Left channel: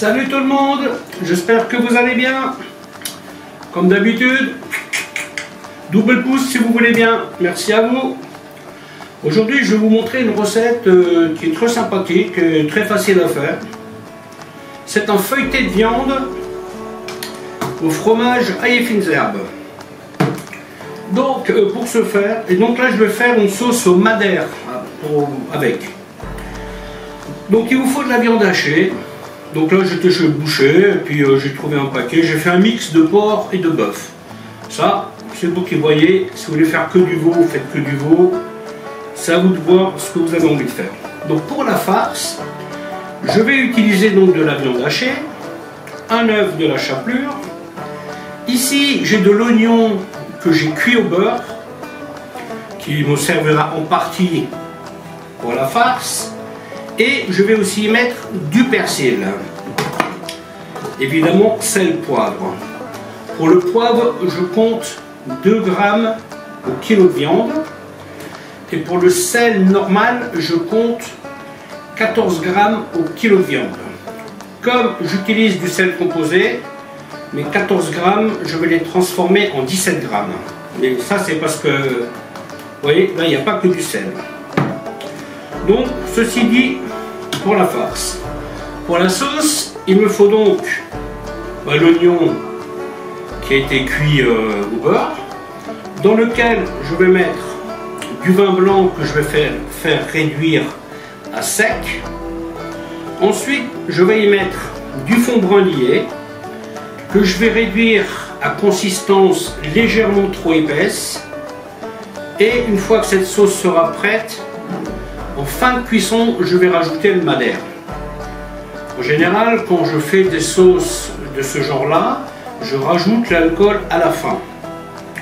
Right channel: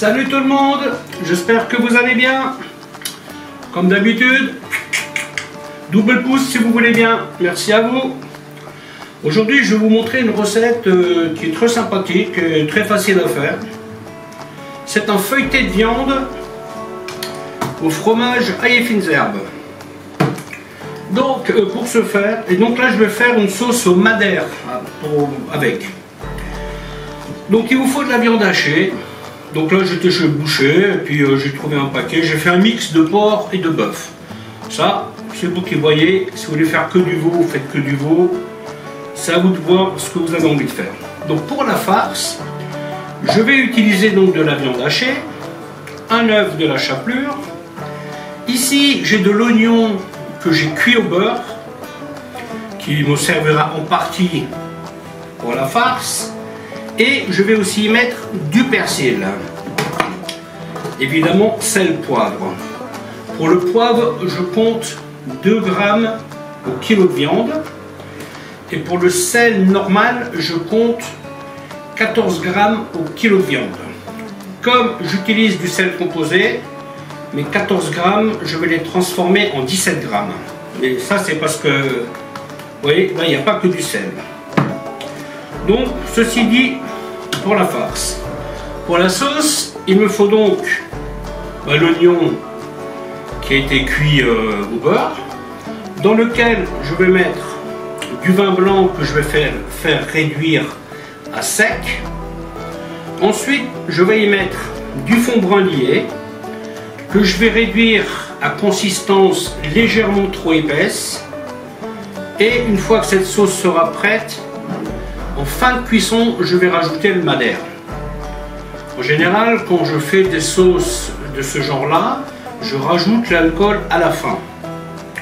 Salut tout le monde, j'espère que vous allez bien. Comme d'habitude, double pouce si vous voulez bien, merci à vous. Aujourd'hui je vais vous montrer une recette qui est très sympathique et très facile à faire. C'est un feuilleté de viande au fromage ail et fines herbes. Donc pour ce faire, et donc là je vais faire une sauce au madère avec. Donc il vous faut de la viande hachée. Donc là j'étais chez le boucher et puis j'ai trouvé un paquet. J'ai fait un mix de porc et de bœuf. Ça c'est vous qui voyez. Si vous voulez faire que du veau, vous faites que du veau. C'est à vous de voir ce que vous avez envie de faire. Donc pour la farce, je vais utiliser donc de la viande hachée, un œuf, de la chapelure. Ici j'ai de l'oignon que j'ai cuit au beurre, qui me servira en partie pour la farce. Et je vais aussi y mettre du persil. Évidemment, sel, poivre. Pour le poivre, je compte 2 grammes au kilo de viande. Et pour le sel normal, je compte 14 grammes au kilo de viande. Comme j'utilise du sel composé, mes 14 grammes, je vais les transformer en 17 grammes. Mais ça, c'est parce que, vous voyez, là, il n'y a pas que du sel. Donc, ceci dit, pour la farce. Pour la sauce, il me faut donc l'oignon qui a été cuit au beurre, dans lequel je vais mettre du vin blanc que je vais faire réduire à sec. Ensuite, je vais y mettre du fond brun lié, que je vais réduire à consistance légèrement trop épaisse. Et une fois que cette sauce sera prête, en fin de cuisson, je vais rajouter le madère. En général, quand je fais des sauces de ce genre-là, je rajoute l'alcool à la fin.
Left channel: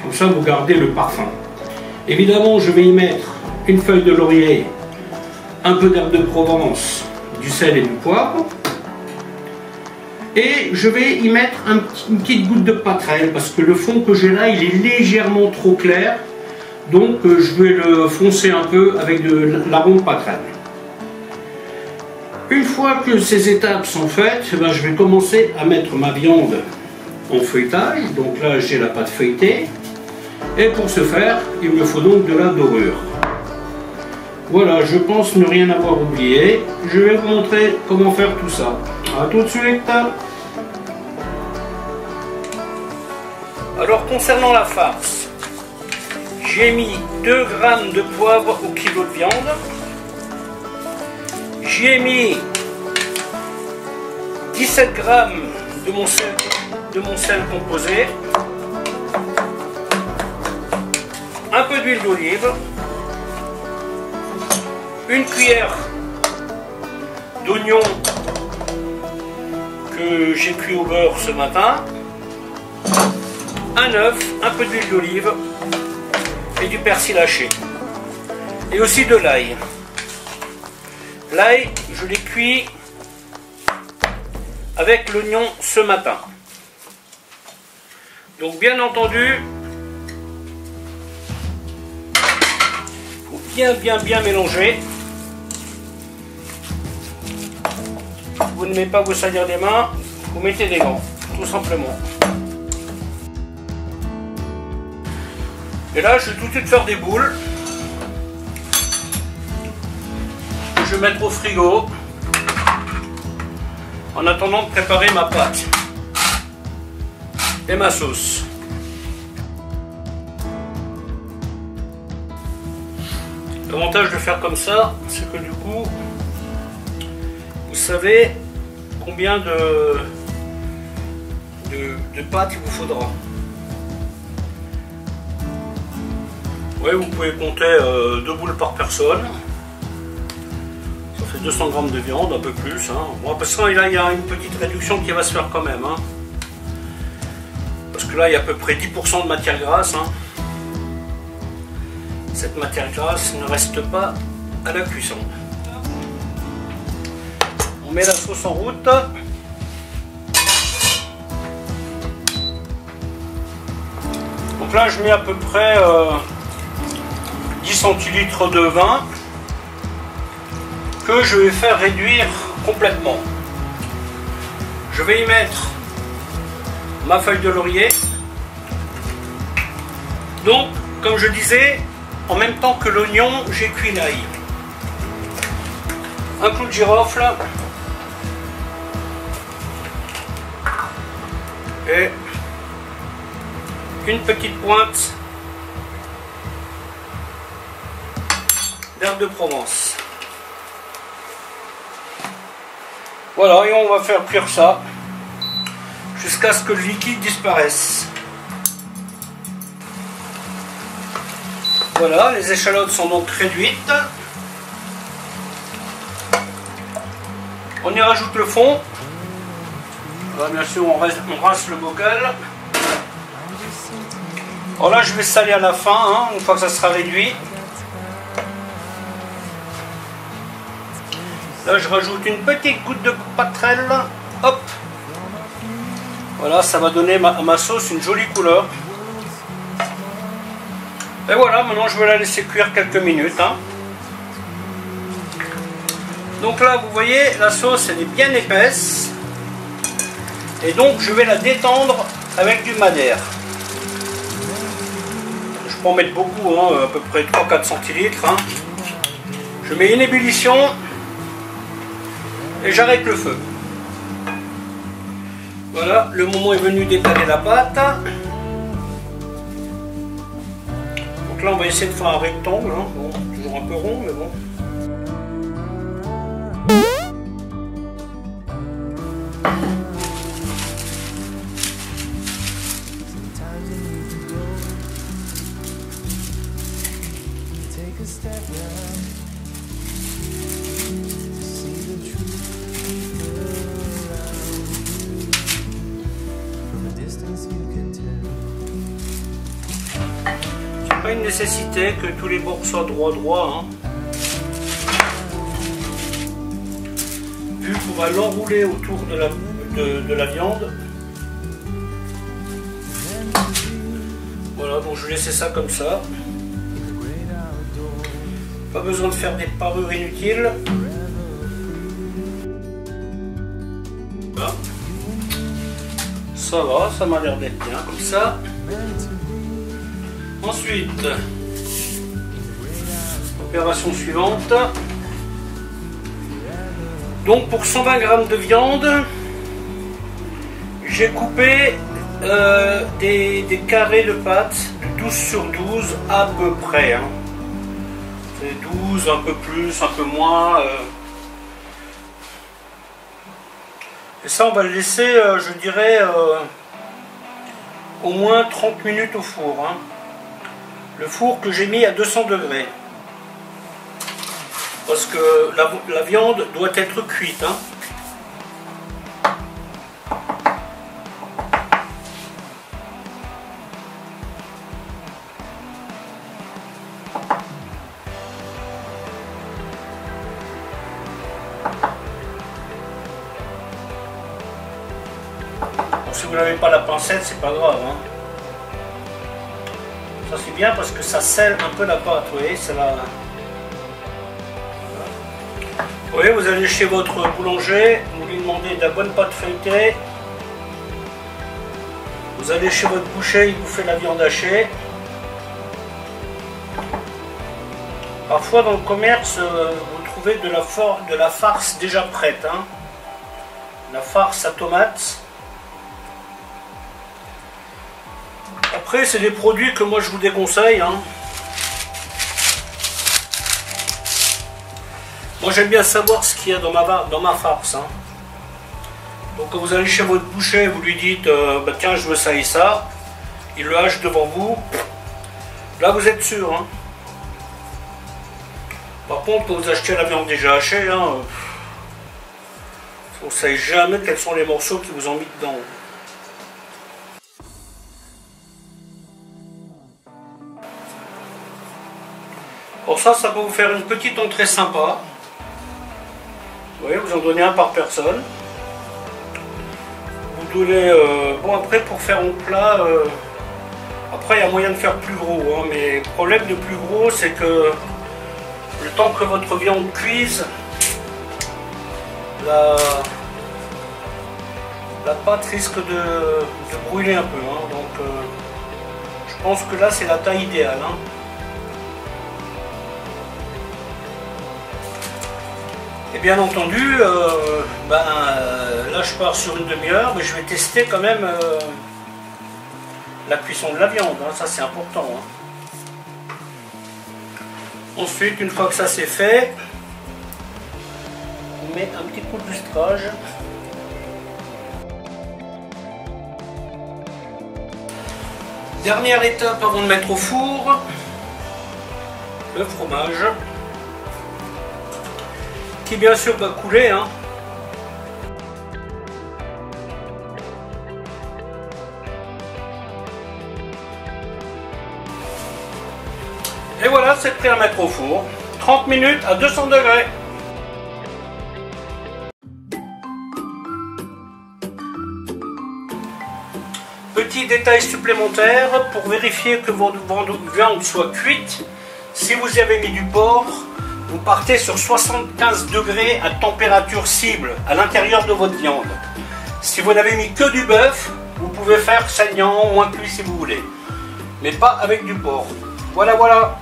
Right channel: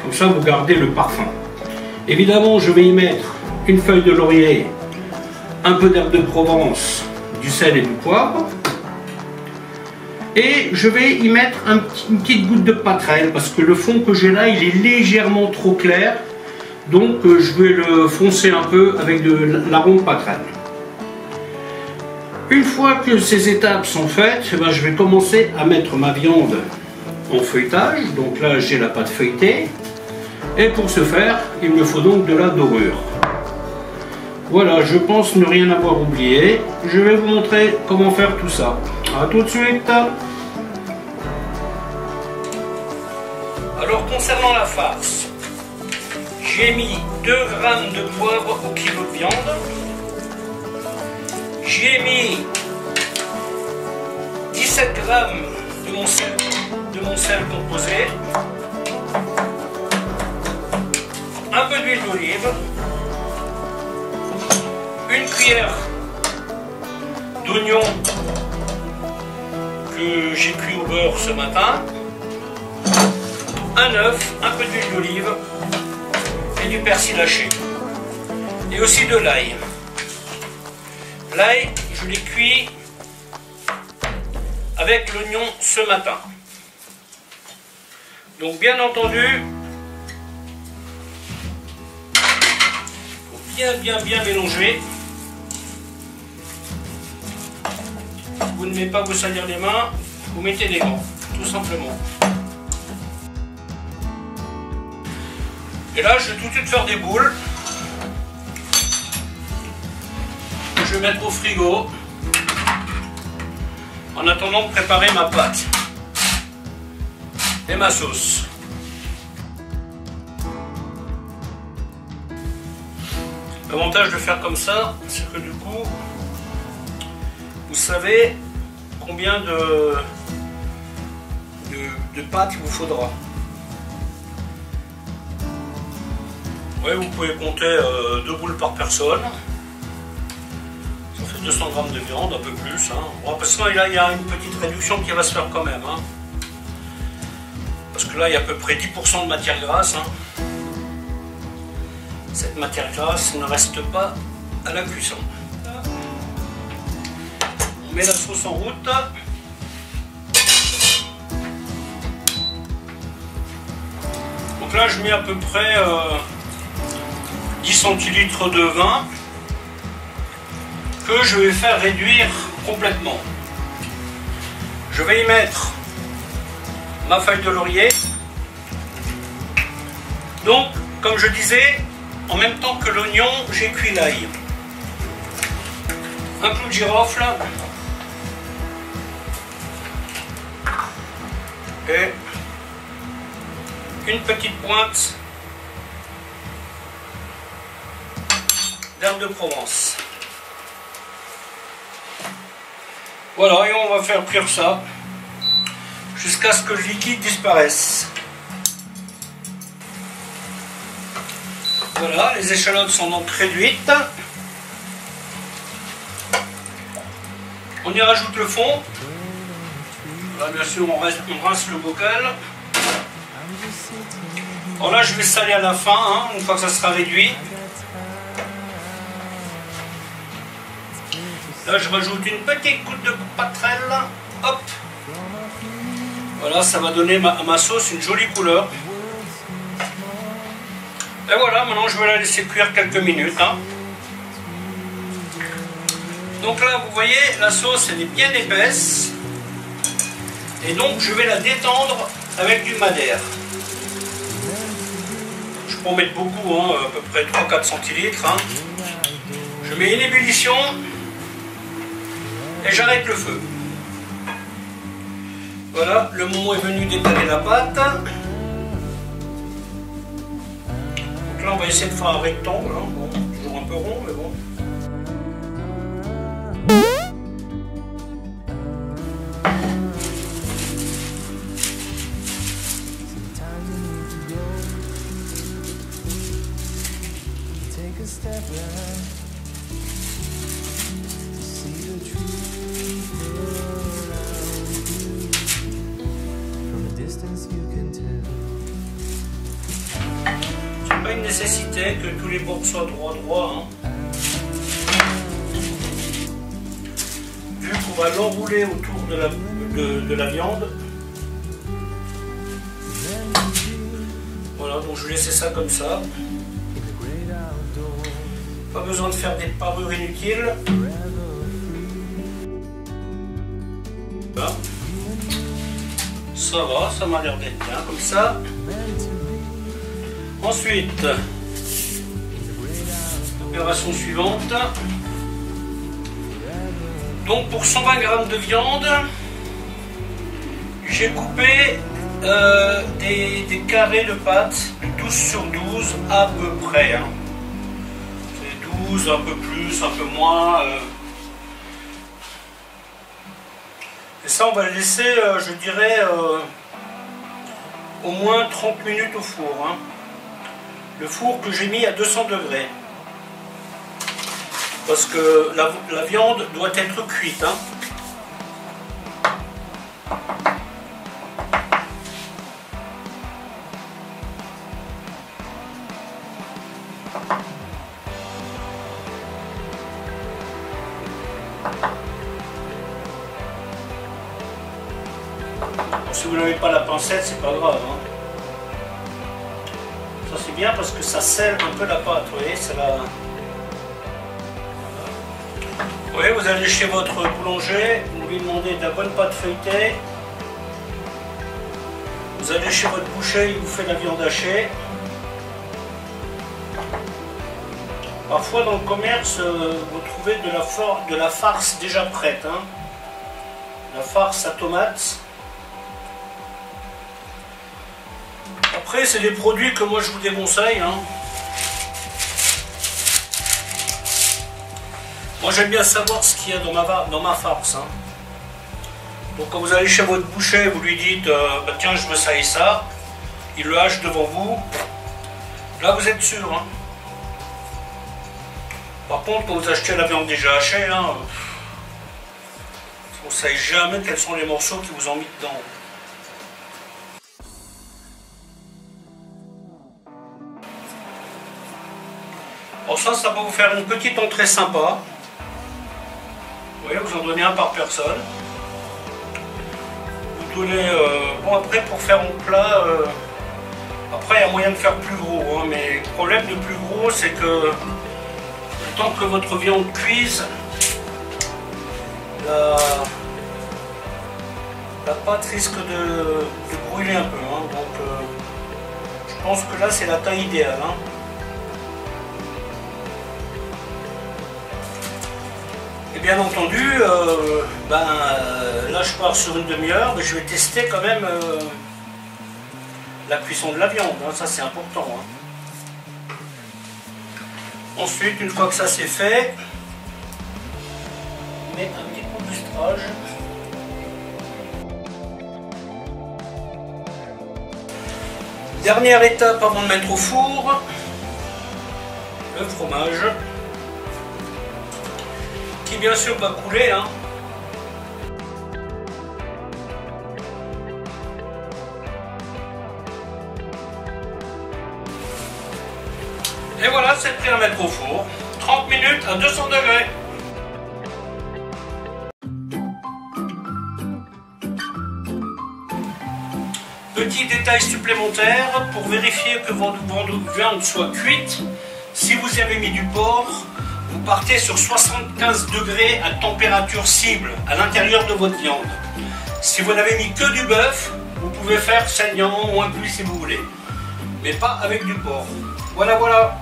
Comme ça, vous gardez le parfum. Évidemment, je vais y mettre une feuille de laurier, un peu d'herbe de Provence, du sel et du poivre. Et je vais y mettre une petite goutte de pâterelle, parce que le fond que j'ai là, il est légèrement trop clair. Donc je vais le foncer un peu avec de l'arôme pâterelle. Une fois que ces étapes sont faites, je vais commencer à mettre ma viande en feuilletage. Donc là j'ai la pâte feuilletée. Et pour ce faire, il me faut donc de la dorure. Voilà, je pense ne rien avoir oublié. Je vais vous montrer comment faire tout ça. A tout de suite. Alors concernant la farce, j'ai mis 2 grammes de poivre au kilo de viande. J'y ai mis 17 grammes de mon sel composé. Un peu d'huile d'olive. Une cuillère d'oignon que j'ai cuit au beurre ce matin. Un œuf, un peu d'huile d'olive. Et du persil haché. Et aussi de l'ail. L'ail, je l'ai cuit avec l'oignon ce matin. Donc bien entendu, il faut bien mélanger. Vous ne mettez pas vous salir les mains, vous mettez des gants, tout simplement. Et là, je vais tout de suite faire des boules. Je vais mettre au frigo en attendant de préparer ma pâte et ma sauce. L'avantage de faire comme ça, c'est que du coup, vous savez combien de pâte il vous faudra. Ouais, vous pouvez compter 2 boules par personne. Ça fait 200 grammes de viande, un peu plus. Hein. Bon, parce que là, il y a une petite réduction qui va se faire quand même. Hein. Parce que là, il y a à peu près 10% de matière grasse. Hein. Cette matière grasse ne reste pas à la cuisson. On met la sauce en route. Donc là, je mets à peu près 10 centilitres de vin que je vais faire réduire complètement. Je vais y mettre ma feuille de laurier. Donc, comme je disais, en même temps que l'oignon, j'ai cuit l'ail. Un clou de girofle. Et une petite pointe d'herbe de Provence. Voilà, et on va faire cuire ça jusqu'à ce que le liquide disparaisse. Voilà, les échalotes sont donc réduites. On y rajoute le fond. Là, bien sûr, on rince le bocal. Alors là, je vais saler à la fin, hein, une fois que ça sera réduit. Là, je rajoute une petite goutte de patrelle. Hop. Voilà, ça va donner à ma sauce une jolie couleur. Et voilà, maintenant je vais la laisser cuire quelques minutes. Hein. Donc là, vous voyez, la sauce, elle est bien épaisse. Et donc, je vais la détendre avec du madère. Je peux en mettre beaucoup, hein, à peu près 3-4 centilitres. Hein. Je mets une ébullition et j'arrête le feu. Voilà, le moment est venu d'étaler la pâte. Donc là, on va essayer de faire un rectangle. Hein. Bon, toujours un peu rond, mais bon. C'est pas une nécessité que tous les bords soient droits. Hein. Vu qu'on va l'enrouler autour de la viande. Voilà, donc je vais laisser ça comme ça. Pas besoin de faire des parures inutiles. Voilà. Ça va, ça m'a l'air d'être bien comme ça. Ensuite, opération suivante. Donc pour 120 g de viande, j'ai coupé des carrés de pâte 12 sur 12 à peu près. Hein. C'est 12, un peu plus, un peu moins. Et ça, on va le laisser, je dirais, au moins 30 minutes au four. Hein. Le four que j'ai mis à 200 degrés. Parce que la viande doit être cuite. Hein. Si vous n'avez pas la pincette, c'est pas grave. Hein. Ça c'est bien parce que ça scelle un peu la pâte, vous voyez, ça va. Vous voyez, vous allez chez votre boulanger, vous lui demandez de la bonne pâte feuilletée. Vous allez chez votre boucher, il vous fait la viande hachée. Parfois dans le commerce, vous trouvez de la farce déjà prête. Hein. La farce à tomates. Après, c'est des produits que moi je vous déconseille. Hein. Moi j'aime bien savoir ce qu'il y a dans ma farce. Hein. Donc quand vous allez chez votre boucher, vous lui dites bah, tiens, je veux ça et ça. Il le hache devant vous. Là vous êtes sûr. Hein. Par contre, quand vous achetez la viande déjà hachée, hein, vous ne savez jamais quels sont les morceaux qui vous ont mis dedans. Pour ça, ça peut vous faire une petite entrée sympa. Vous voyez, vous en donnez un par personne. Vous donnez, bon, après, pour faire un plat, après, il y a moyen de faire plus gros. Hein, mais le problème de plus gros, c'est que le temps que votre viande cuise, la pâte risque de brûler un peu, hein. Donc je pense que là c'est la taille idéale, hein. Et bien entendu, là je pars sur une demi-heure, mais je vais tester quand même la cuisson de la viande, hein. Ça c'est important, hein. Ensuite, une fois que ça c'est fait, on met un petit coup de lustrage. Dernière étape avant de mettre au four, le fromage, qui bien sûr va couler, hein. Et voilà, c'est prêt à mettre au four. 30 minutes à 200 degrés. Petit détail supplémentaire, pour vérifier que votre viande soit cuite, si vous y avez mis du porc, vous partez sur 75 degrés à température cible, à l'intérieur de votre viande. Si vous n'avez mis que du bœuf, vous pouvez faire saignant, moins cuit si vous voulez. Mais pas avec du porc. Voilà, voilà.